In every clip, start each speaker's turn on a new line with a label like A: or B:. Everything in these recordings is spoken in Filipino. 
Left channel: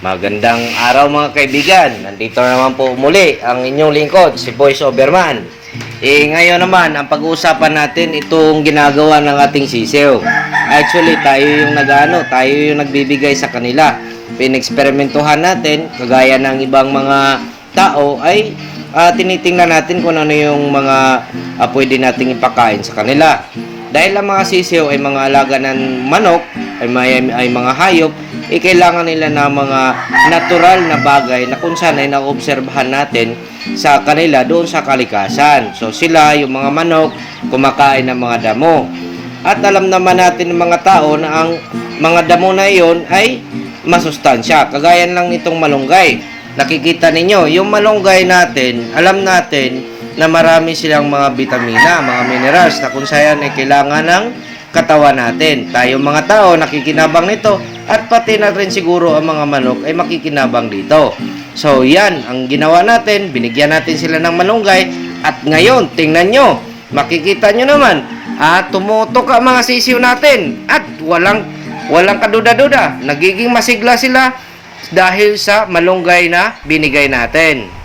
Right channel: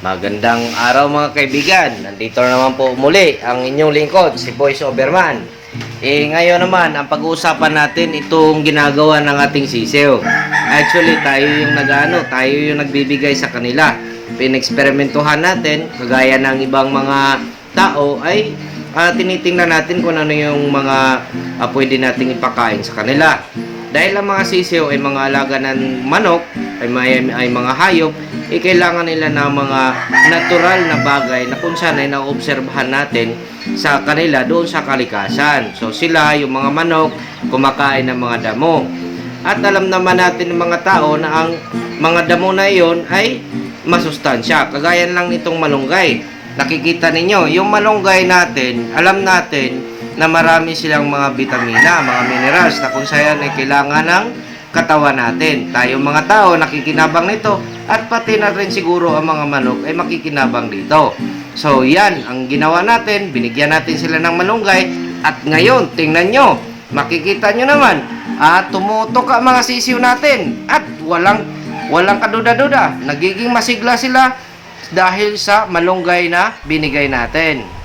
A: Magandang araw mga kaibigan. Nandito naman po muli ang inyong lingkod, si Voice Overman. Eh ngayon naman, ang pag-uusapan natin itong ginagawa ng ating sisiw. Actually, tayo yung nagano, tayo yung nagbibigay sa kanila. Pineksperimentuhan natin, kagaya ng ibang mga tao ay ah, tinitingnan natin kung ano yung mga ah, pwede nating ipakain sa kanila. Dahil ang mga sisiw ay mga alaga ng manok, ay, may, ay mga hayop, eh kailangan nila ng mga natural na bagay na kung saan ay naobserbahan natin sa kanila doon sa kalikasan. So sila, yung mga manok, kumakain ng mga damo. At alam naman natin ng mga tao na ang mga damo na iyon ay masustansya. Kagaya lang nitong malunggay. Nakikita ninyo, yung malunggay natin, alam natin na marami silang mga vitamina, mga minerals na kung saan ay kailangan ng katawan natin. Tayo mga tao nakikinabang nito at pati na rin siguro ang mga manok ay makikinabang dito. So yan, ang ginawa natin, binigyan natin sila ng malunggay. At ngayon, tingnan nyo, makikita nyo naman, ah, tumutok ang mga sisiw natin. At walang, walang kaduda-duda, nagiging masigla sila dahil sa malunggay na binigay natin.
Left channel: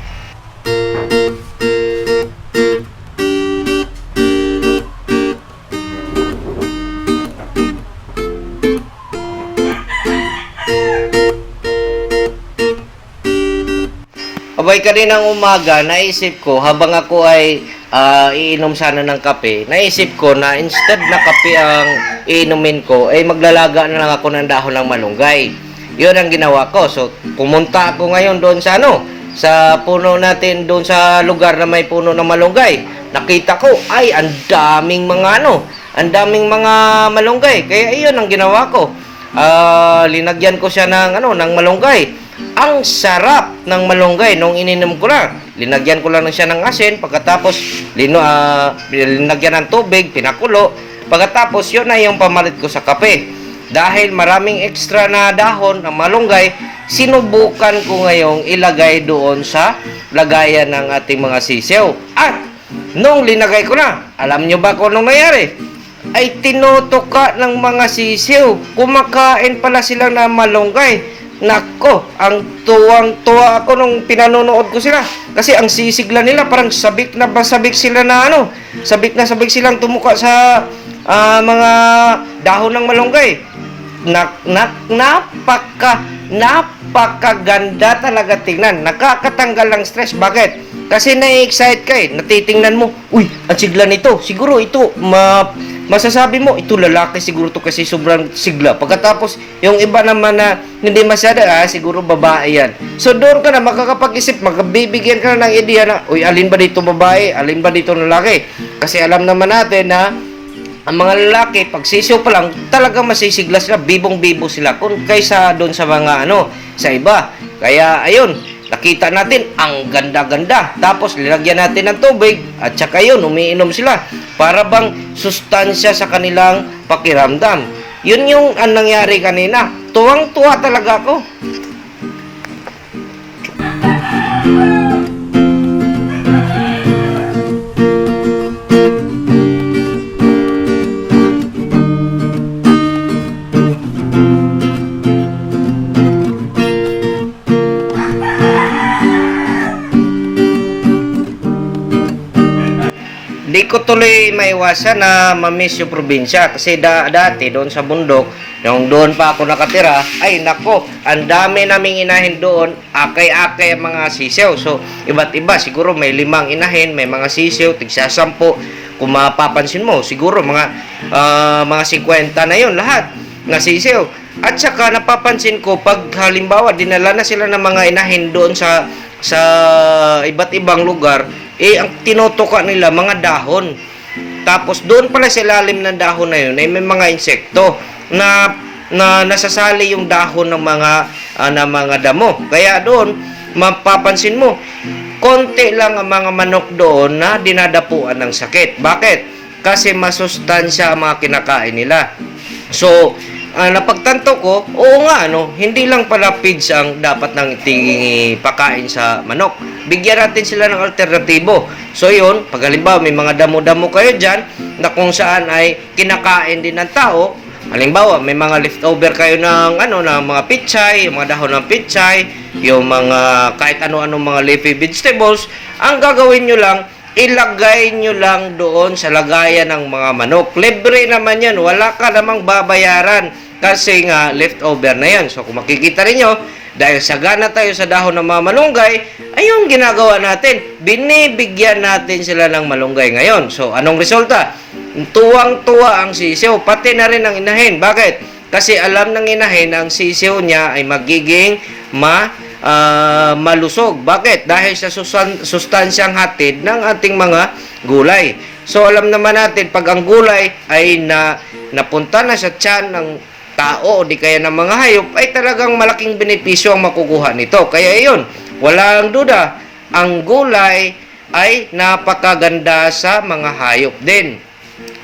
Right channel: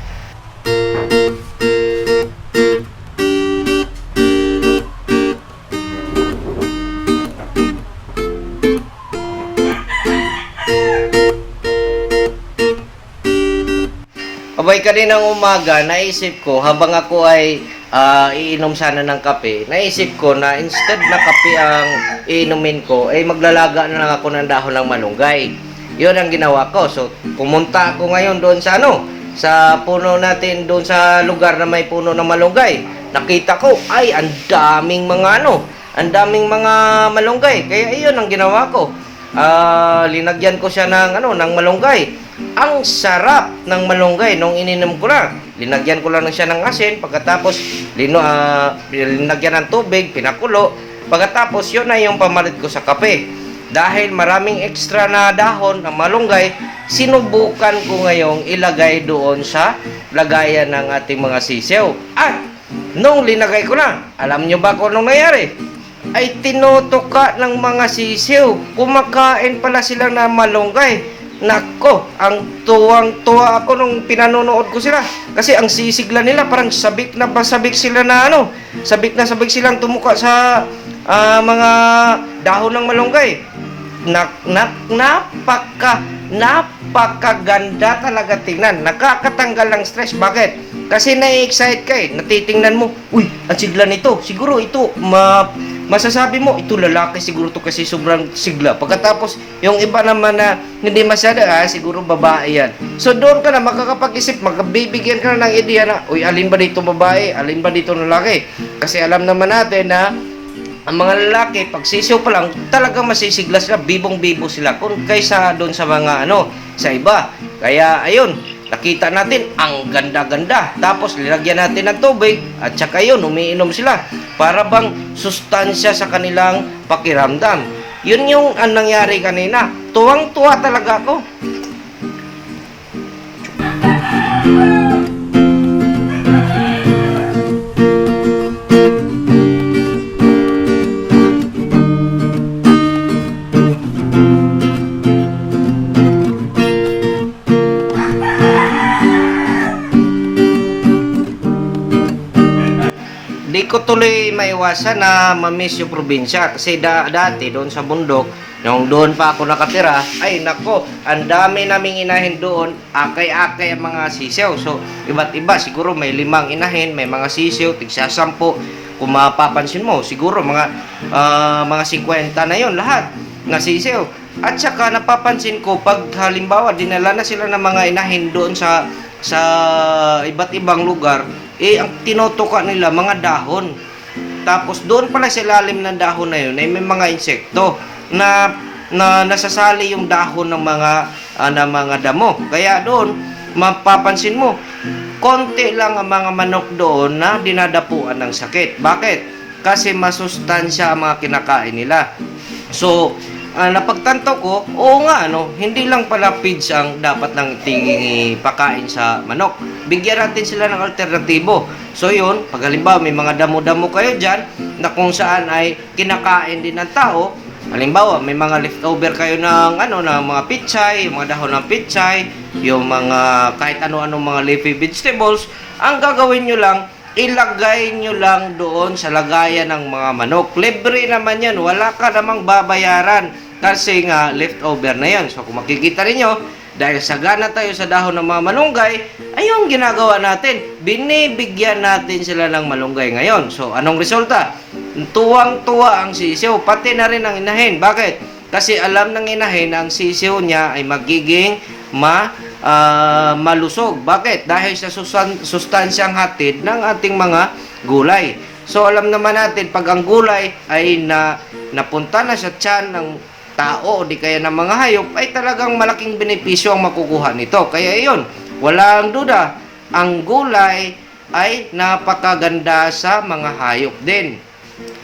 A: Abay kaninang umaga, naisip ko habang ako ay ah, iinom sana ng kape, naisip ko na instead na kape ang iinumin ko, ay maglalaga na lang ako ng dahon ng malunggay. Yun ang ginawa ko. So, pumunta ako ngayon doon sa ano, sa puno natin doon sa lugar na may puno ng malunggay. Nakita ko, ay, ang daming mga ano, ang daming mga malunggay. Kaya iyon ang ginawa ko. Ah, linagyan ko siya ng ano, ng malunggay. Ang sarap ng malunggay nung ininom ko na. Linagyan ko lang siya ng asin pagkatapos lino ah, linagyan ng tubig, pinakulo. Pagkatapos yun na yung pamalit ko sa kape. Dahil maraming extra na dahon ng malunggay, sinubukan ko ngayong ilagay doon sa lagayan ng ating mga sisiw. At nung linagay ko na, alam nyo ba kung anong nangyari? Ay tinutuka ng mga sisiw. Kumakain pala sila ng malunggay. Nako, ang tuwang-tuwa ako nung pinanonood ko sila. Kasi ang sisigla nila, parang sabik na ba sabik sila na ano, sabik na sabik silang tumuka sa ah, mga dahon ng malunggay. Nak, nak, napaka, napakaganda talaga tingnan. Nakakatanggal ng stress. Bakit? Kasi na-excite ka eh. Natitingnan mo, uy, ang sigla nito. Siguro ito, ma masasabi mo, ito lalaki siguro to kasi sobrang sigla. Pagkatapos, yung iba naman na hindi masyado, ah, siguro babae yan. So doon ka na makakapag-isip, magkabibigyan ka na ng ideya na, uy, alin ba dito babae, alin ba dito lalaki? Kasi alam naman natin na ang mga lalaki, pag sisiw pa lang, talagang masisigla sila, bibong-bibo sila, kung kaysa doon sa mga ano, sa iba. Kaya, ayun, nakita natin, ang ganda-ganda. Tapos, nilagyan natin ng tubig, at saka yun, umiinom sila. Para bang sustansya sa kanilang pakiramdam. Yun yung ang nangyari kanina. Tuwang-tuwa talaga ako. Ko tuloy maiwasan na mamiss yung probinsya kasi da, dati doon sa bundok, yung doon pa ako nakatira, ay nako, ang dami naming inahin doon, akay-akay ang mga sisiw. So, iba't iba, siguro may limang inahin, may mga sisiw, tigsa sampo. Kung mapapansin mo, siguro mga ah, mga 50 na yon lahat na sisiw. At saka napapansin ko pag halimbawa dinala na sila ng mga inahin doon sa sa iba't ibang lugar, eh ang tinutuka nila mga dahon. Tapos doon pala sa ilalim ng dahon na yun ay may mga insekto na na nasasali yung dahon ng mga ah, ng mga damo. Kaya doon mapapansin mo konti lang ang mga manok doon na dinadapuan ng sakit. Bakit? Kasi masustansya ang mga kinakain nila. So, ah, napagtanto ko, oo nga, ano, hindi lang pala feeds ang dapat nang pakain sa manok. Bigyan natin sila ng alternatibo. So yun, pag halimbawa may mga damo-damo kayo dyan, na kung saan ay kinakain din ng tao, Halimbawa, may mga leftover kayo ng ano ng mga pichay, yung mga dahon ng pichay, yung mga kahit ano-ano mga leafy vegetables, ang gagawin nyo lang, ilagay nyo lang doon sa lagayan ng mga manok. Libre naman yan, wala ka namang babayaran kasi nga leftover na yan. So kung makikita ninyo, dahil sagana tayo sa dahon ng mga malunggay, ay yung ginagawa natin, binibigyan natin sila ng malunggay ngayon. So anong resulta? Tuwang-tuwa ang sisiw, pati na rin ang inahin. Bakit? Kasi alam ng inahin ang sisiw niya ay magiging ma ah, malusog. Bakit? Dahil sa sustan- sustansyang hatid ng ating mga gulay. So alam naman natin pag ang gulay ay na napunta na sa tiyan ng tao o di kaya ng mga hayop ay talagang malaking benepisyo ang makukuha nito. Kaya iyon, walang duda, ang gulay ay napakaganda sa mga hayop din.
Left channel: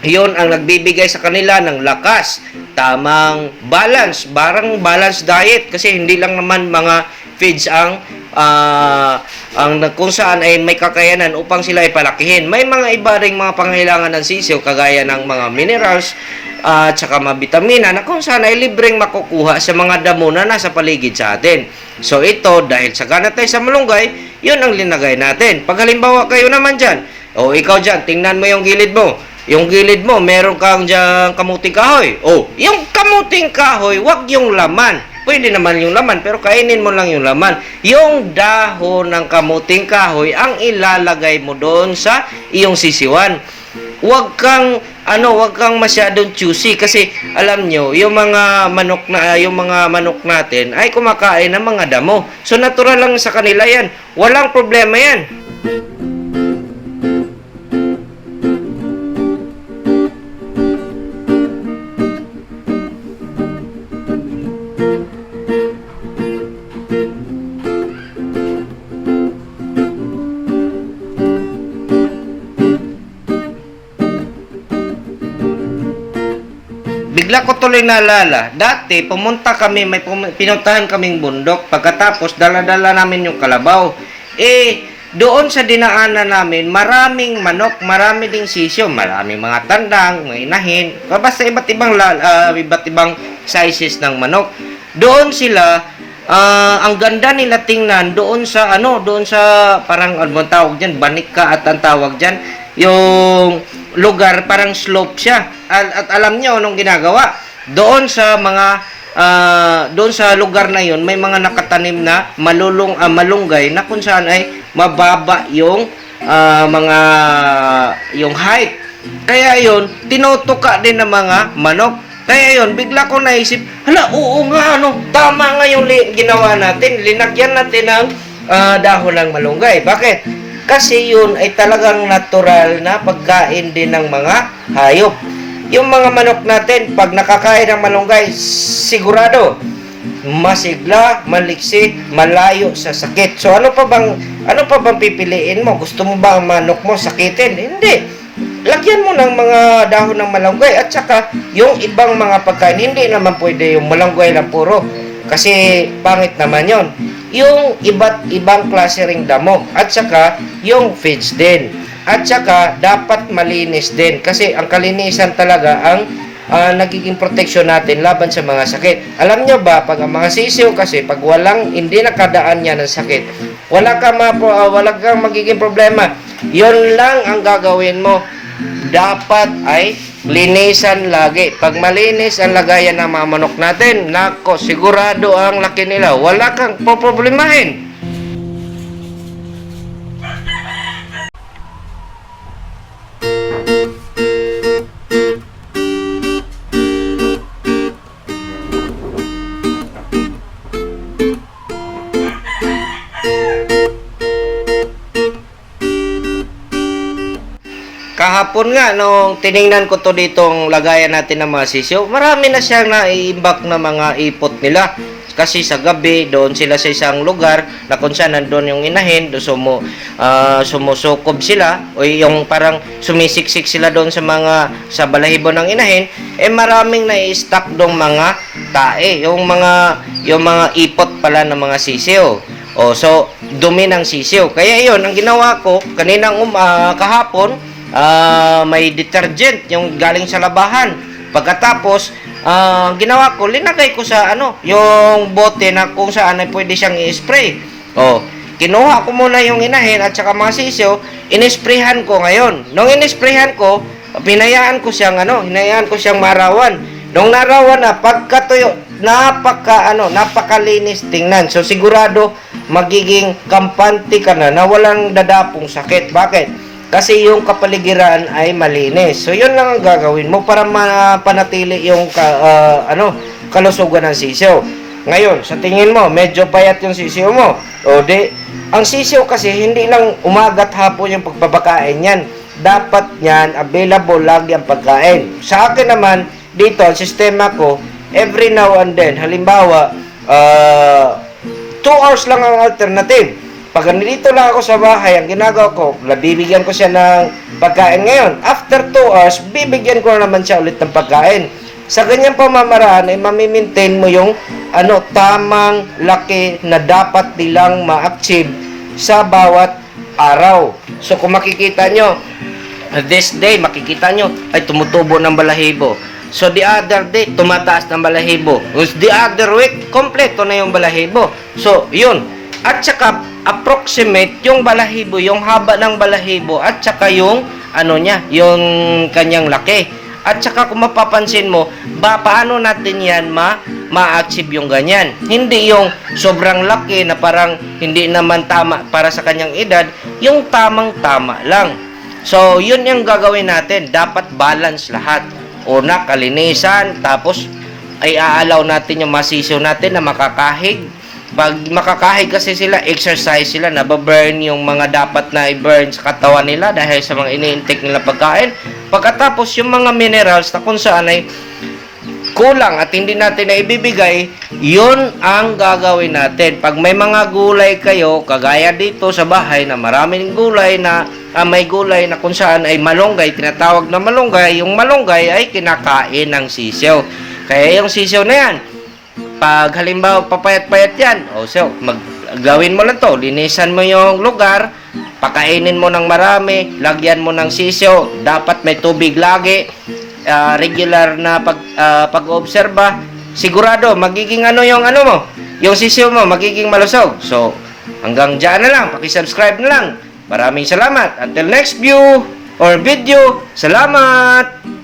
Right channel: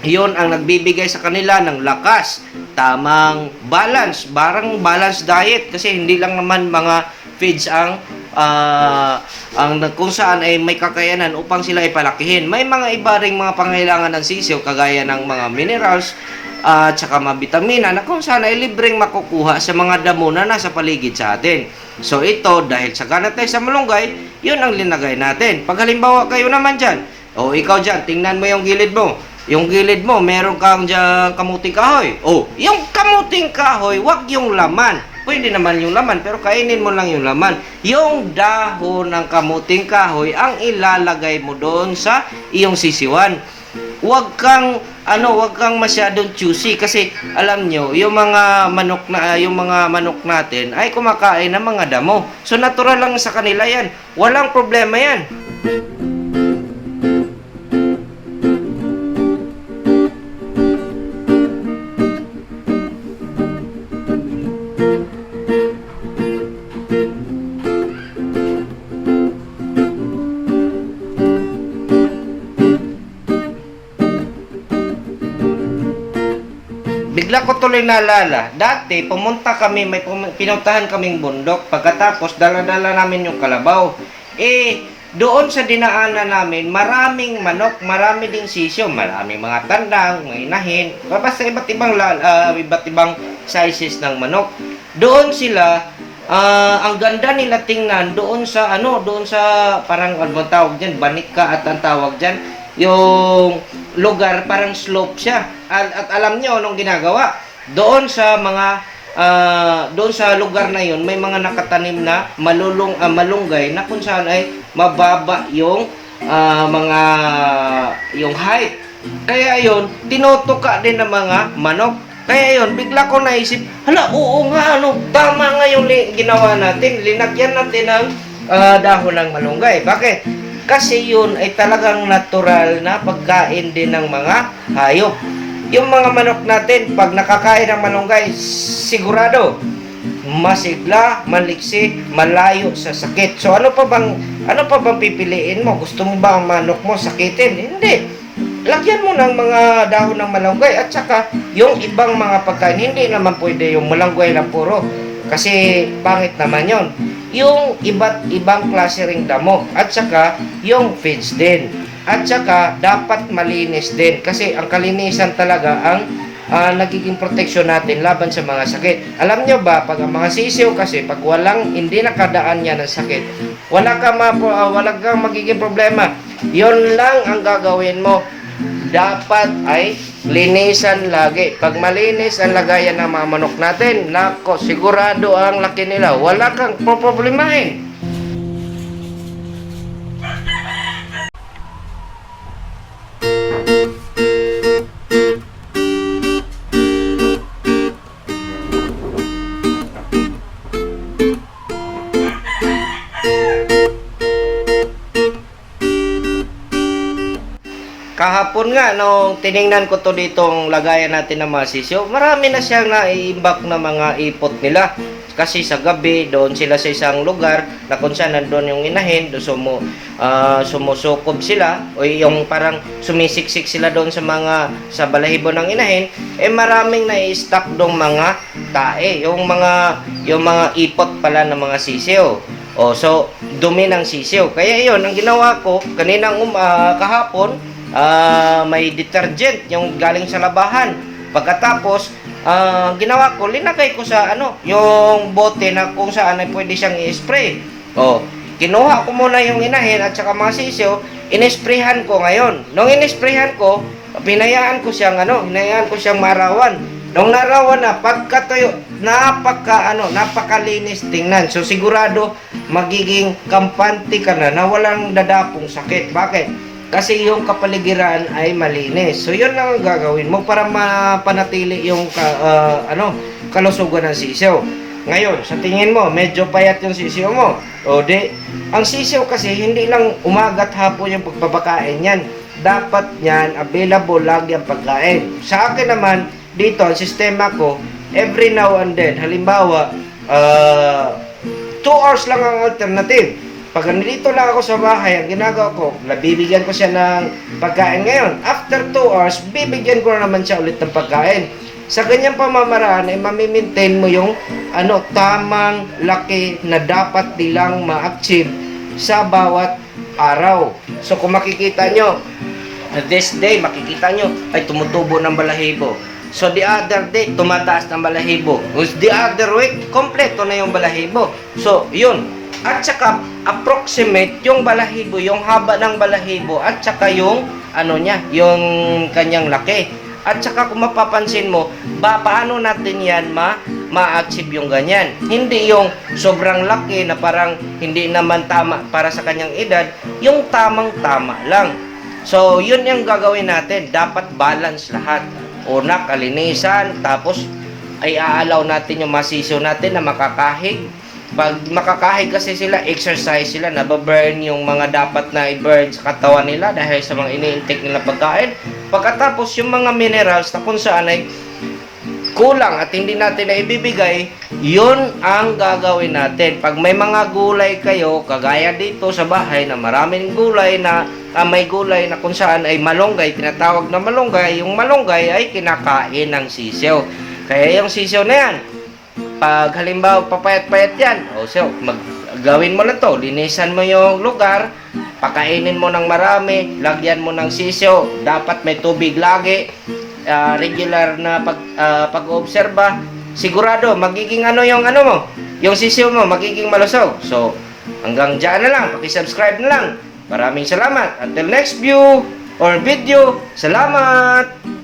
A: Iyon ang nagbibigay sa kanila ng lakas, tamang balance, barang balance diet kasi hindi lang naman mga feeds ang ah, ang kung saan ay may kakayanan upang sila ay palakihin. May mga iba ring mga pangailangan ng sisiw kagaya ng mga minerals at saka mga bitamina na kung saan ay libreng makukuha sa mga damo na nasa paligid sa atin. So ito, dahil sa ganat tayo sa malunggay, yun ang linagay natin. Pag halimbawa kayo naman dyan, o ikaw dyan, tingnan mo yung gilid mo. Yung gilid mo, meron kang dyan kamuting kahoy. O, yung kamuting kahoy, wag yung laman. Pwede naman yung laman, pero kainin mo lang yung laman. Yung dahon ng kamuting kahoy, ang ilalagay mo doon sa iyong sisiwan. Huwag kang ano, huwag kang masyadong choosy kasi alam nyo, yung mga manok na yung mga manok natin ay kumakain ng mga damo. So natural lang sa kanila 'yan. Walang problema 'yan. Bigla ko tuloy naalala, dati pumunta kami, may pum- pinuntahan kaming bundok, pagkatapos dala-dala namin yung kalabaw. Eh, doon sa dinaanan namin, maraming manok, marami ding sisyo, maraming mga tandang, mga inahin, basta iba't ibang, ah, iba't ibang sizes ng manok. Doon sila, ah, ang ganda nila tingnan doon sa ano, doon sa parang ano tawag diyan, banika at ang tawag diyan, yung lugar parang slope siya. At, at alam niyo anong ginagawa? Doon sa mga ah, doon sa lugar na yon may mga nakatanim na malulong ah, malunggay na kung saan ay mababa yung ah, mga yung height. Kaya yon tinutuka din ng mga manok. Kaya yon bigla ko naisip, hala, oo nga, ano, tama nga yung ginawa natin. Linagyan natin ng ah, dahon ng malunggay. Bakit? Kasi yun ay talagang natural na pagkain din ng mga hayop. Yung mga manok natin, pag nakakain ng malunggay, sigurado, masigla, maliksi, malayo sa sakit. So ano pa bang ano pa bang pipiliin mo? Gusto mo ba ang manok mo sakitin? Hindi. Lagyan mo ng mga dahon ng malunggay at saka yung ibang mga pagkain. Hindi naman pwede yung malunggay lang puro. Kasi pangit naman yon. Yung iba't ibang klase ring damo at saka yung feeds din. At saka dapat malinis din kasi ang kalinisan talaga ang ah, nagiging protection natin laban sa mga sakit. Alam nyo ba, pag ang mga sisiw kasi, pag walang, hindi nakadaan niya ng sakit, wala ka, ma, ah, wala kang magiging problema. Yun lang ang gagawin mo. Dapat ay linisan lagi. Pag malinis ang lagayan ng mga manok natin, nako, sigurado ang laki nila. Wala kang poproblemahin. Kahapon nga, nung tiningnan ko to ditong lagayan natin ng mga sisiyo, marami na siyang naiimbak na mga ipot nila. Kasi sa gabi, doon sila sa isang lugar na kung saan nandun yung inahin, doon sumu, ah, sumusukob sila, o yung parang sumisiksik sila doon sa mga, sa balahibo ng inahin, eh maraming nai-stock doong mga tae, yung mga, yung mga ipot pala ng mga sisiyo. O, so, dumi ng sisiyo. Kaya yon ang ginawa ko, kaninang um, ah, kahapon, ah, may detergent yung galing sa labahan. Pagkatapos, ah, ginawa ko, linagay ko sa ano, yung bote na kung saan ay pwede siyang i-spray. Oh, kinuha ko muna yung inahin at saka mga sisiyo, inisprayhan ko ngayon. Nung inisprayhan ko, pinayaan ko siyang ano, hinayaan ko siyang marawan. Nung narawan na, pagkatuyo, napaka ano, napakalinis tingnan. So sigurado magiging kampante ka na na walang dadapong sakit. Bakit? Kasi yung kapaligiran ay malinis. So yun lang ang gagawin mo para mapanatili yung ka, ah, ano, kalusugan ng sisiyo. Ngayon, sa tingin mo, medyo payat yung sisiyo mo. O di, ang sisiyo kasi hindi lang umagat hapon yung pagbabakain yan. Dapat yan, available lagi ang pagkain. Sa akin naman, dito, ang sistema ko, every now and then, halimbawa, ah, 2 hours lang ang alternative. Pag nandito lang ako sa bahay, ang ginagawa ko, nabibigyan ko siya ng pagkain ngayon. After 2 hours, bibigyan ko na naman siya ulit ng pagkain. Sa ganyang pamamaraan ay mamimaintain mo yung ano, tamang laki na dapat nilang ma-achieve sa bawat araw. So kung makikita nyo, this day, makikita nyo, ay tumutubo ng balahibo. So the other day, tumataas ng balahibo. The other week, kompleto na yung balahibo. So, yun. At saka, approximate yung balahibo, yung haba ng balahibo, at saka yung, ano niya, yung kanyang laki. At saka kung mapapansin mo, ba, paano natin yan ma, ma-achieve yung ganyan? Hindi yung sobrang laki na parang hindi naman tama para sa kanyang edad, yung tamang-tama lang. So, yun yung gagawin natin. Dapat balance lahat. Una, kalinisan. Tapos, ay aalaw natin yung masisiw natin na makakahig. Pag makakahig kasi sila, exercise sila, nababurn yung mga dapat na i-burn sa katawan nila dahil sa mga ini-intake nila pagkain. Pagkatapos, yung mga minerals na kung saan ay kulang at hindi natin na ibibigay, yun ang gagawin natin. Pag may mga gulay kayo, kagaya dito sa bahay na maraming gulay na ah, may gulay na kung saan ay malunggay, tinatawag na malunggay, yung malunggay ay kinakain ng sisiyo. Kaya yung sisiyo na yan, pag halimbawa papayat-payat yan, o so, mag, gawin mo lang to, linisan mo yung lugar, pakainin mo ng marami, lagyan mo ng sisiyo, dapat may tubig lagi, ah, regular na pag ah, pag-obserba, sigurado magiging ano yung ano mo, yung sisiyo mo magiging malusog. So, hanggang diyan na lang, paki-subscribe na lang. Maraming salamat. Until next view or video, salamat.